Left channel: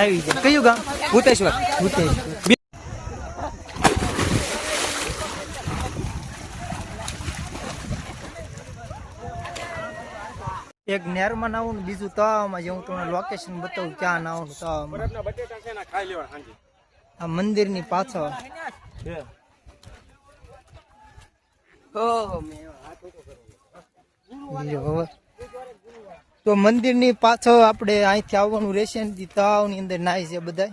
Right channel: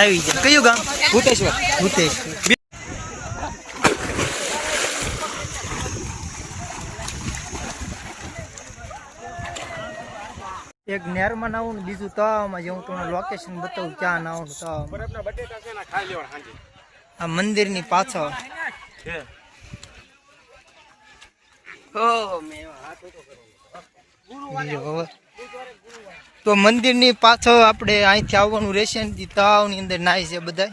આવી જાય. કયું ગામ? ભૂતેશ્વર. ભૂતેશ્વર. એક નેરમાં નાવું ને બીજું તળાવમાં જે હું તમને લોકેશન બતાવું ક્યાં નાવું તળાવમાં. આ મંદિરની પાછળ તો મંદિરની પાછળ આપણે અહીંથી આવવાનું રહેશે ને તળાવની અંદર નાય છે બધા.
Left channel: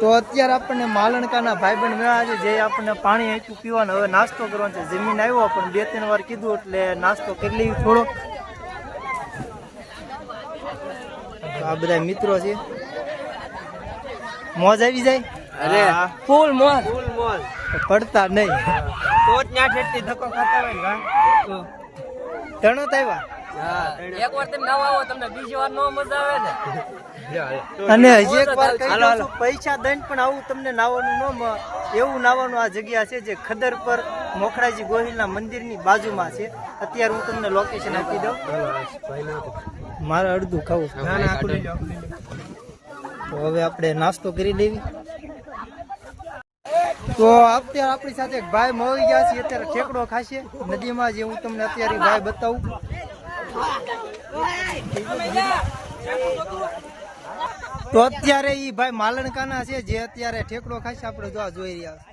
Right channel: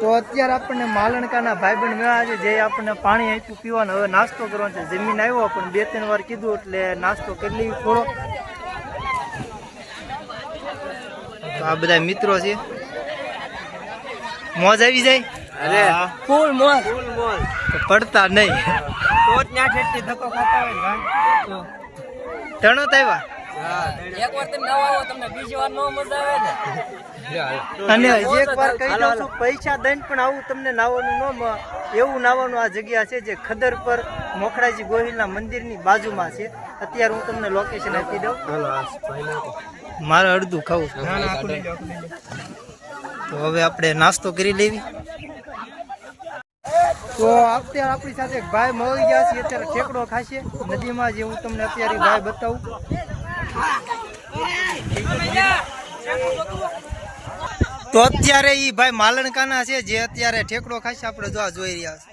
તો અત્યારે આપણને માલણકાના ભાઈબંધ મેળા છે જે આપણને પાણી આપ્યું પીવાનું. હવે નાસ્તો કરવાનો છે. જમીન આવ્યો પણ 2-3 વાર કીધું એટલે નાસ્તો કરી લઈ થોડો. તો આ બધા મિત્રો છે. મોજ આવી જાય. અરે ફૂલ મોજ. તો પડતા નહીં તો જ ન્યા ઠેઠથી ધક્કો ખાતા હોય ને તો તણો આવ્યા. એક વાર તમે નવા આવો તમને બીજી વાર નો મજા આવે ને. અને હજી એક વાર કહી દઉં છું, પૈસા દઈને પણ આવું તમને નાવાનું એવું નાવાનું આ જગ્યા છે જે ખદર પર મોખરાજી ગોહિલના મંદિરની બાજુમાં છે. અત્યારે હું તમને લોકેશન આપી દઉં. મારે અડધું ખાવું છે. તો હવે આપણે નાસ્તો કરી લેવી. તો અત્યારે આપણી સાથે એક ભાઈ મળી ગયા છે. અત્યારે ઠેકડો ખાશે નદીમાં, જે હું તમને અત્યારે ભાઈ બતાવું. તો અત્યારે ઈ ભાઈ માલણકાના છે જે અત્યારે ઠેકડો ખાશે. આપણે જોઈ રહ્યા છે.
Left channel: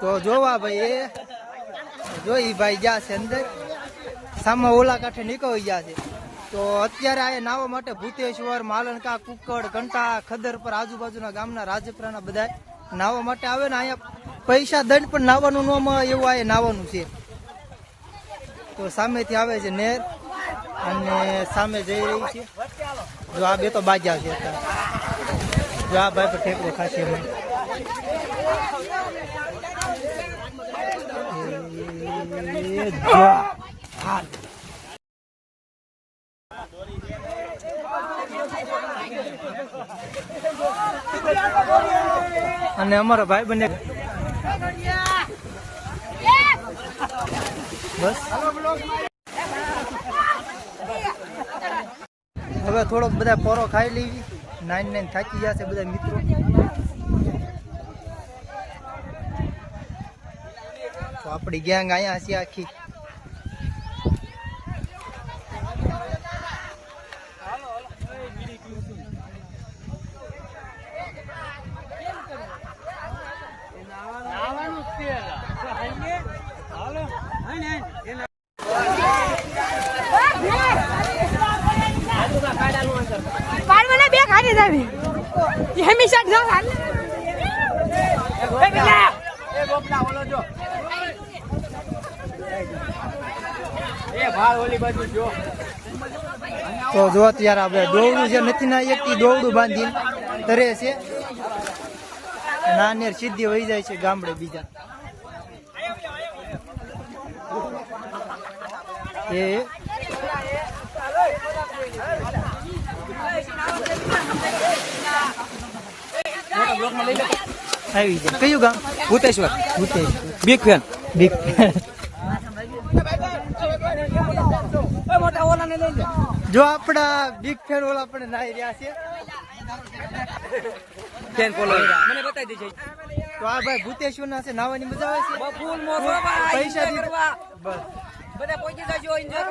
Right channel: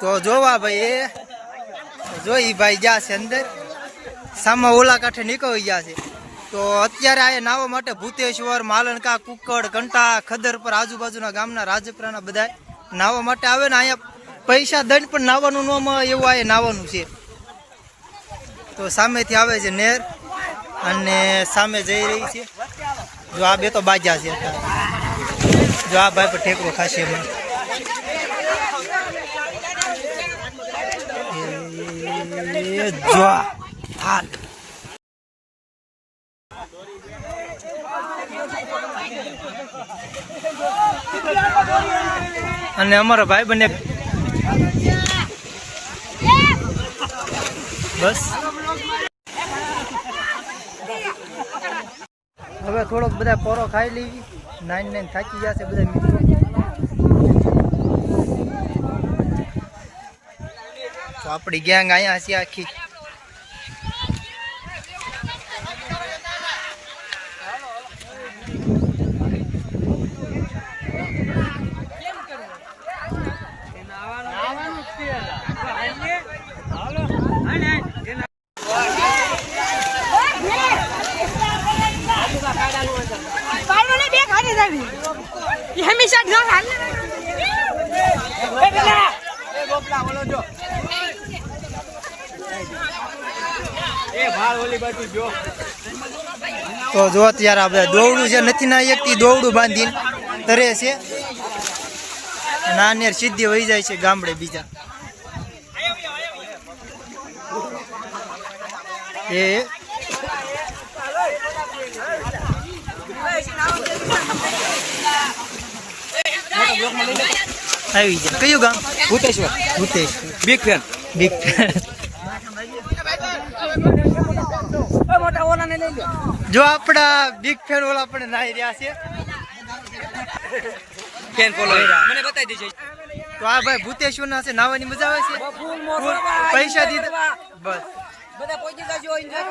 તો જોવા ભાઈ એ જોઈ ભાઈ ગયા છે અંદર, સામે ઓલા કાંઠે નીકળી ગયા છે. તો અત્યારે આ નાવા માટે ભૂતેશ્વર, માલણકા, કુકડ, કંટા, ખદર પર આજુબાજુના ગામના રાજપરાના બધા નાવા માટે આવે ને. અહીંયા પૈસા દઈને પણ નાવાનું ન મળે એવું આ નાવાનું છે. તો સામેથી આવે છે નેર અને સામે જઈ રહી છે. જો આ બે તો બાજા છે અત્યારે. જો આ ભાઈ પર ઠેકડો ખાશે એમાં. જો હાલ અને અમારો ભાઈ બને બસ. હવે થોડોક બધા પોરો ખાઈ લેવી. 9 થાકી જશે બધા મિત્રો. તો આપણી ગેંગ અહીંયા છે આખી. હંમેશા ઘર હાલ તો જો અત્યારે આ બધા દોવડું છે નથી ના એકથી દોવડું બાંધીને તરે છે. નાનેર સીધી વહી જાય છે ગામડે બીજા. એ આવી જાય. કયું ગામ? Bhuteshwar Bhuteshwar. Big fan. Big fan. મોટા ઓલા ને લઈ લો. જો આપણા બિગ ફેન ઓલા પણ નાઈ રહ્યા છે. ફેન ફોલો મને બતાવી દેજો. તો આ ભાઈ ભૂતેશ્વર ના છે, નાવાની મજા આવે છે. ફૂલ મોજો પૈસા દીધા બસ. બધા પહોંચી જજો એન્જોય.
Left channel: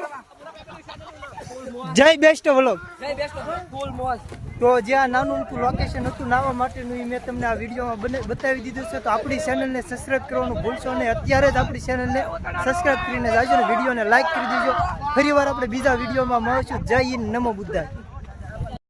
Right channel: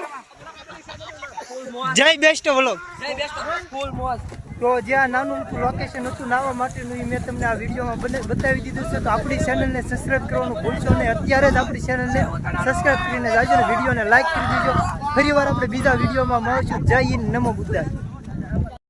જય બેસ્ટ વ્લોગ. જય બેસ્ટ ફૂલ મોજ. તો જ્યાં નાનું અમથું લોકેશન હતું નાવા માટેનું, એ મેં તમને આ વિડીયોમાં બતાવી દીધું છે. તો આપણી ચેનલને સબસ્ક્રાઈબ કરવાનું ભૂલશો નહીં. અત્યારે જ આપણી ચેનલને સબસ્ક્રાઈબ કરીને જાજો ને વિડીયોને લાઈક કરી દેજો. ફરી વાર આપણે બીજા વિડીયોમાં મળીશું. જય હિન્દ, નમો બુદ્ધાય.